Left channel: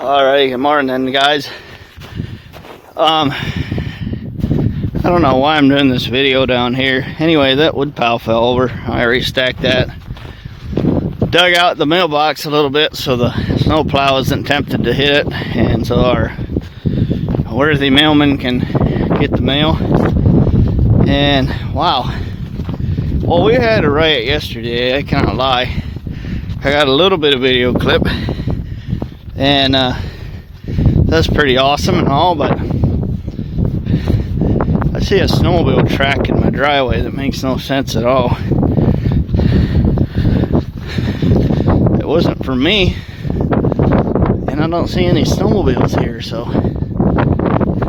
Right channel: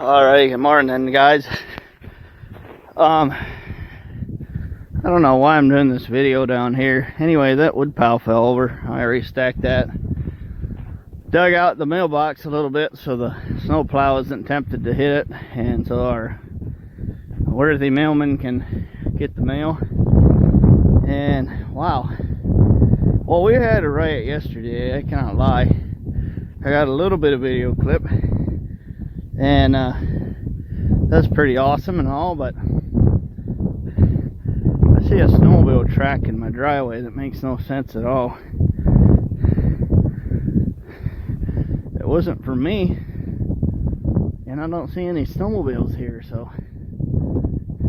Alright, good morning guys. I don't know why I'm doing this video down here. Anyway, that wood pile fell over. I already stacked that. Dug out the mailbox a little bit so the snow plow isn't tempted to hit it, and so our worthy mailman can get the mail. And wow, well, we had a riot yesterday, I cannot lie. I got a little bit of video clip, and that's pretty awesome and all, but I see a snowmobile track in my driveway that makes no sense at all. It wasn't for me, and I don't see any snowmobiles here, so,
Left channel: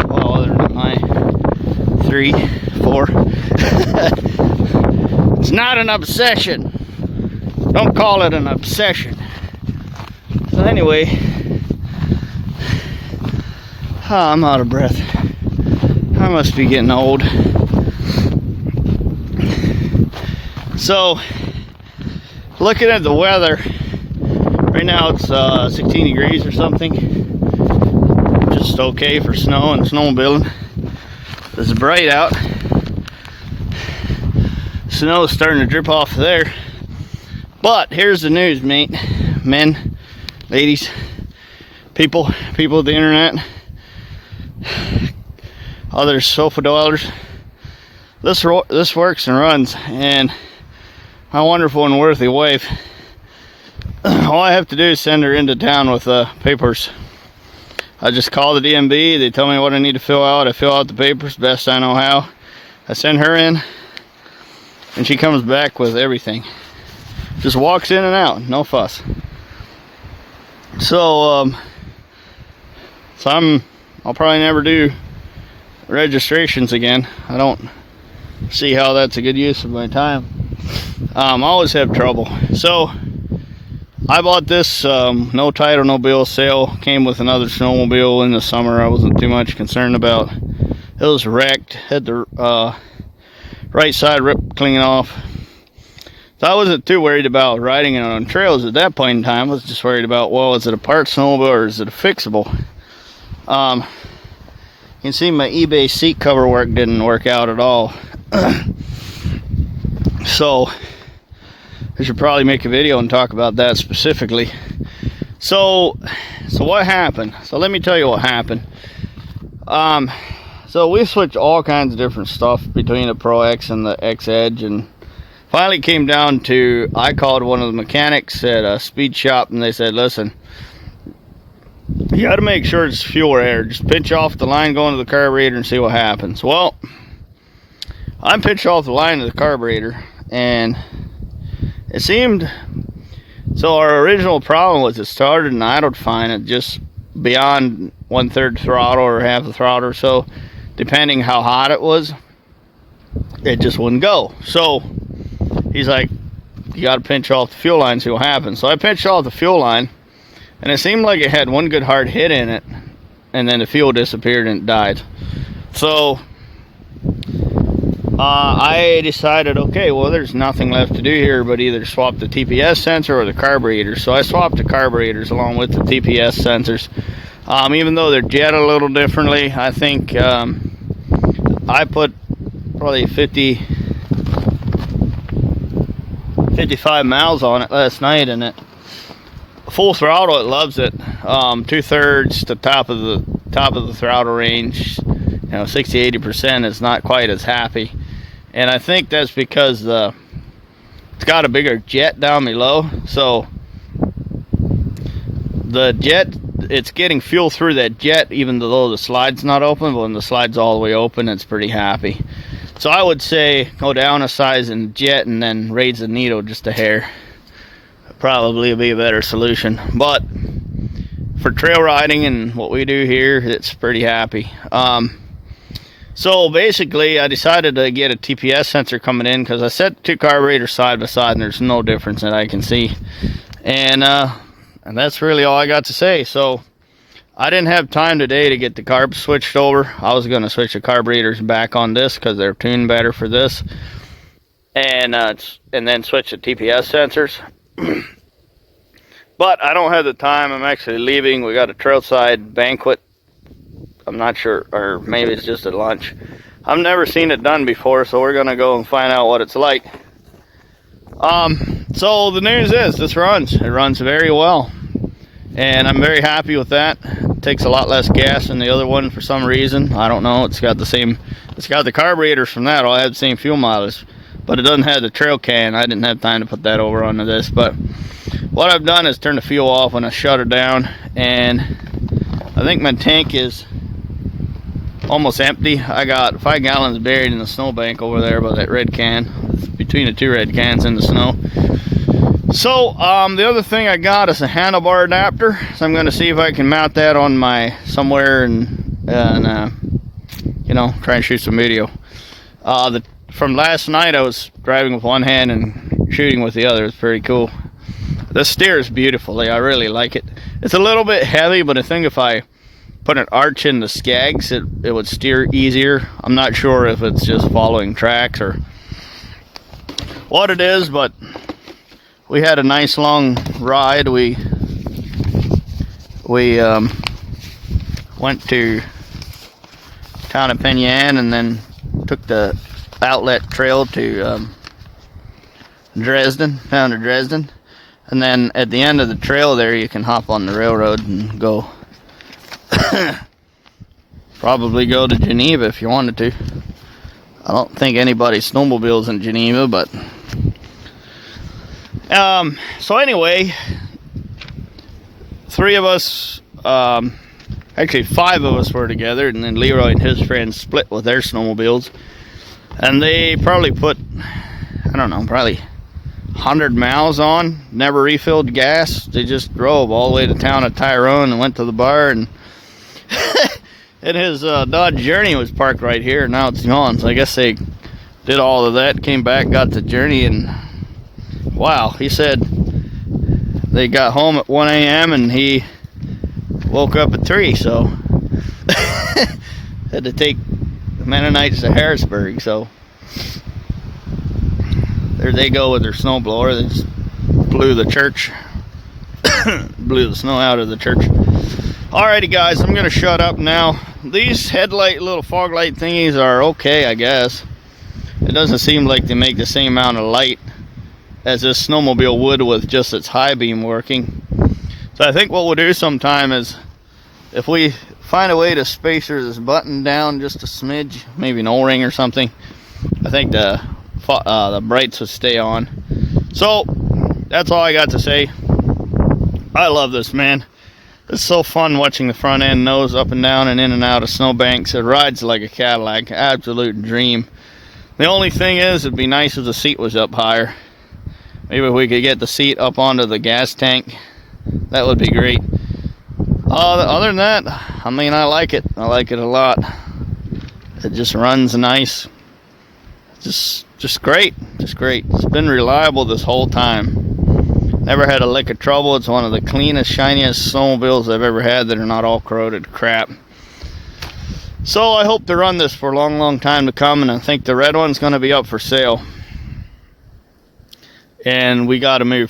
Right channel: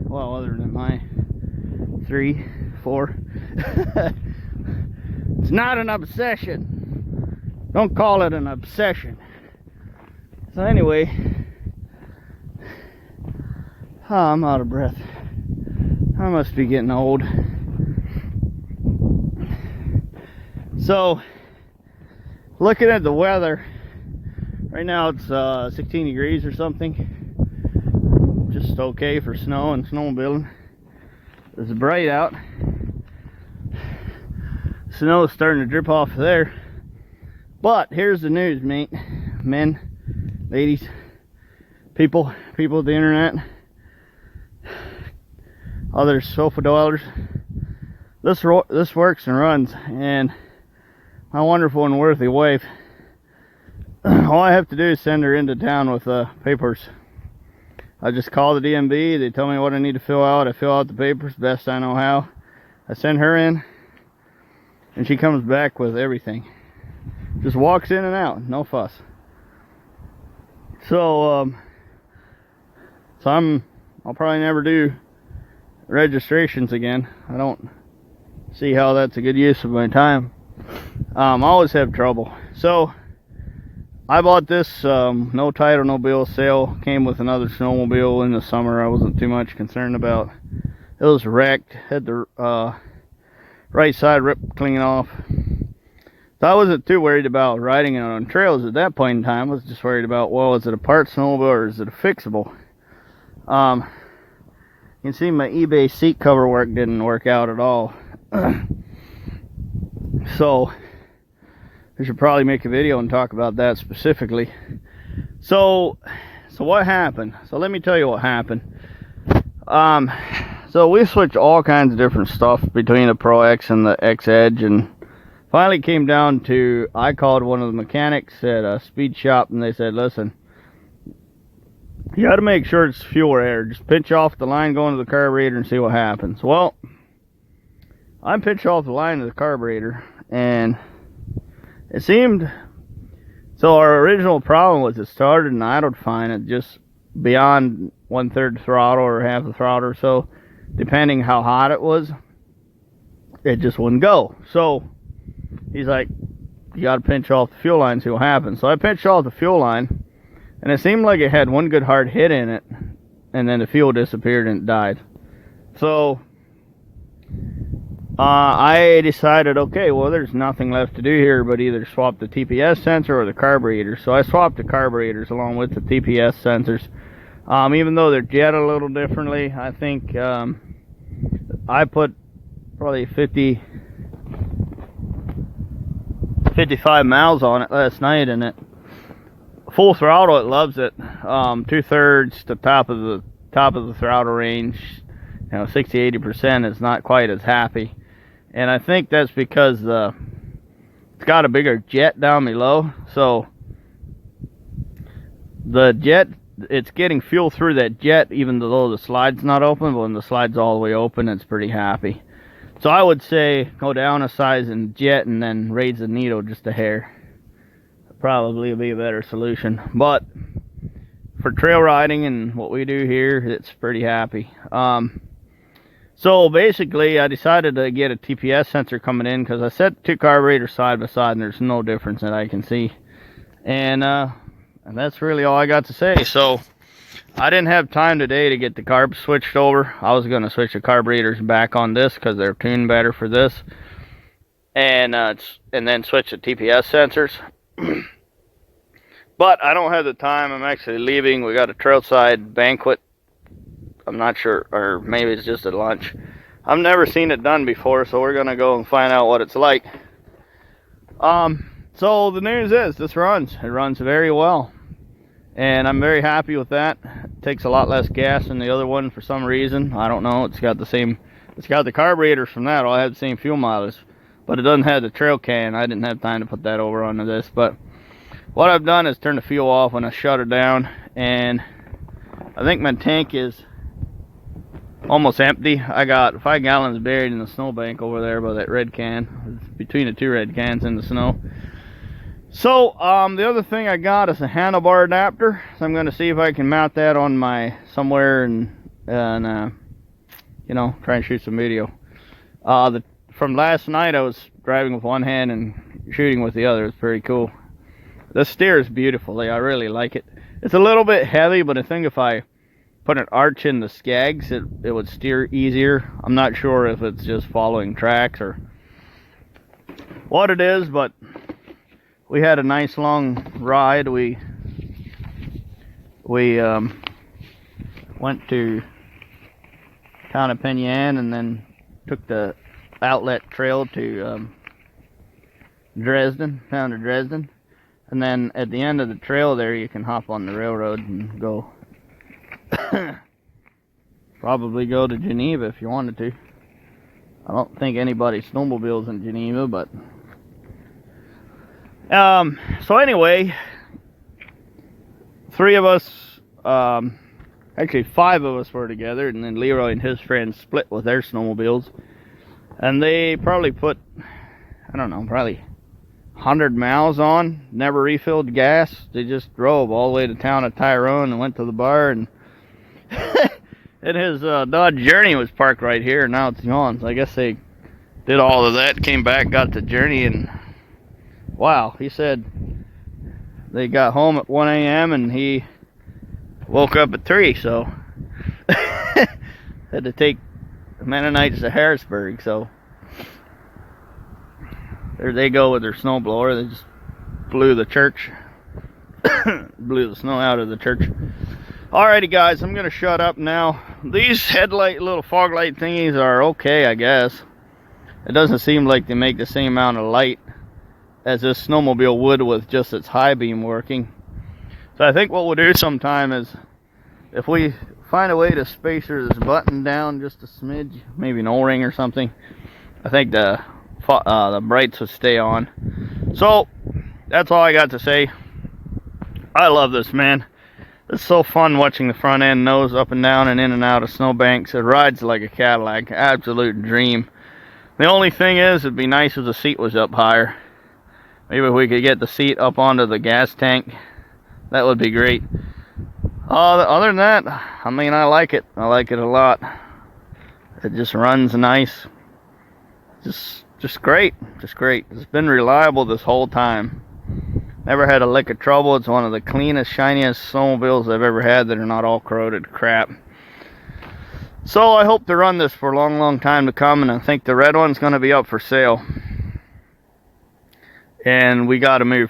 well, other than my 3, 4. It's not an obsession. Don't call it an obsession. So anyway, I'm out of breath. I must be getting old. So, looking at the weather, right now it's 16 degrees or something. Just okay for snow and snowmobiling. It's bright out. Snow is starting to drip off there. But here's the news, men, ladies, people of the internet, other sofa dwellers. This works and runs, and my wonderful and worthy wife, all I have to do is send her into town with papers. I just call the DMV, they tell me what I need to fill out, I fill out the papers best I know how. I send her in, and she comes back with everything. Just walks in and out, no fuss. So I'll probably never do registrations again. I don't see how that's a good use of my time. I always have trouble. So I bought this no title, no bill sale. Came with another snowmobile in the summer. I wasn't too much concerned about. It was wrecked. Had the right side rip clean off. So I wasn't too worried about riding it on trails at that point in time. I was just worried about, well, is it a part snowmobile or is it a fixable? You can see my eBay seat cover work didn't work out at all. So I should probably make a video and talk about that specifically. So what happened? So let me tell you what happened. So we switched all kinds of different stuff between the Pro X and the X Edge, and finally came down to, I called one of the mechanics at a speed shop, and they said, listen, you got to make sure it's fuel or air. Just pinch off the line, go into the carburetor and see what happens. Well, I pinched off the line of the carburetor, and it seemed, so our original problem was it started and idled fine at just beyond 1/3 throttle or half the throttle or so, depending how hot it was. It just wouldn't go. So he's like, you got to pinch off the fuel line, see what happens. So I pinched off the fuel line, and it seemed like it had one good hard hit in it, and then the fuel disappeared and it died. So I decided, okay, well, there's nothing left to do here but either swap the TPS sensor or the carburetor. So I swapped the carburetors along with the TPS sensors. Even though they're jet a little differently, I think I put probably 55 miles on it last night, and it full throttle, it loves it. 2/3 to top of the throttle range, 60-80% is not quite as happy, and I think that's because it's got a bigger jet down below. So the jet, it's getting fuel through that jet even though the slide's not open, but when the slide's all the way open, it's pretty happy. So I would say go down a size in jet and then raise the needle just a hair. Probably be a better solution. But for trail riding and what we do here, it's pretty happy. So basically I decided to get a TPS sensor coming in because I set two carburetors side by side and there's no difference that I can see. And that's really all I got to say. So I didn't have time today to get the carbs switched over. I was going to switch the carburetors back on this because they're tuned better for this, and then switch the TPS sensors. But I don't have the time. I'm actually leaving. We got a trailside banquet. I'm not sure, or maybe it's just at lunch. I've never seen it done before, so we're gonna go and find out what it's like. So the news is this runs. It runs very well, and I'm very happy with that. It takes a lot less gas than the other one for some reason. I don't know. It's got the carburetors from that. All have the same fuel mileage, but it doesn't have the trail can. I didn't have time to put that over onto this. But what I've done is turn the fuel off when I shut her down, and I think my tank is almost empty. I got 5 gallons buried in the snowbank over there by that red can, between the 2 red cans in the snow. So the other thing I got is a handlebar adapter, so I'm going to see if I can mount that on my somewhere and you know, try and shoot some video. From last night I was driving with one hand and shooting with the other. It's pretty cool. This steers beautifully. I really like it. It's a little bit heavy, but I think if I put an arch in the Skags, it would steer easier. I'm not sure if it's just following tracks or what it is, but we had a nice long ride. We went to town of Penyan and then took the outlet trail to Dresden, town of Dresden, and then at the end of the trail there you can hop on the railroad and go probably go to Geneva if you wanted to. I don't think anybody snowmobiles in Geneva, but so anyway, 3 of us, actually 5 of us were together, and then Leroy and his friends split with their snowmobiles, and they probably put, I don't know, probably 100 miles on, never refilled gas. They just drove all the way to town of Tyrone and went to the bar, and and his Dodge Journey was parked right here, and now it's gone. So I guess they did all of that, came back, got the Journey, and wow, he said they got home at 1 a.m. and he woke up at 3, so had to take the Mennonites to Harrisburg. So there they go with their snowblower. They just blew the church, blew the snow out of the church. Alrighty guys, I'm gonna shut up now. These headlight little fog light thingies are okay, I guess. It doesn't seem like they make the same amount of light as this snowmobile would with just its high beam working. So I think what we'll do sometime is, if we find a way to spacer this button down just a smidge, maybe an O-ring or something, I think the brights will stay on. So that's all I got to say. I love this, man. It's so fun watching the front end nose up and down and in and out of snowbanks. It rides like a Cadillac. Absolute dream. The only thing is, it'd be nice if the seat was up higher. Maybe if we could get the seat up onto the gas tank, that would be great. Other than that, I mean, I like it. I like it a lot. It just runs nice. Just great. Just great. It's been reliable this whole time. Never had a lick of trouble. It's one of the cleanest, shiniest snowmobiles I've ever had that are not all corroded crap. So I hope to run this for a long, long time to come, and I think the red one's going to be up for sale. And we got to move.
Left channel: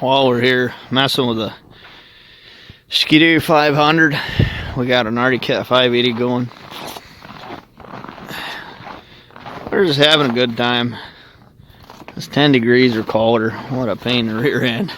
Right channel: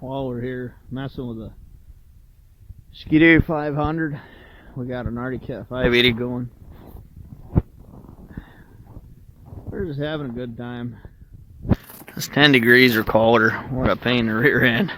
while we're here messing with the Ski-Doo 500. We got an Arctic Cat 580 going. We're just having a good time. It's 10 degrees or colder. What a pain in the rear end.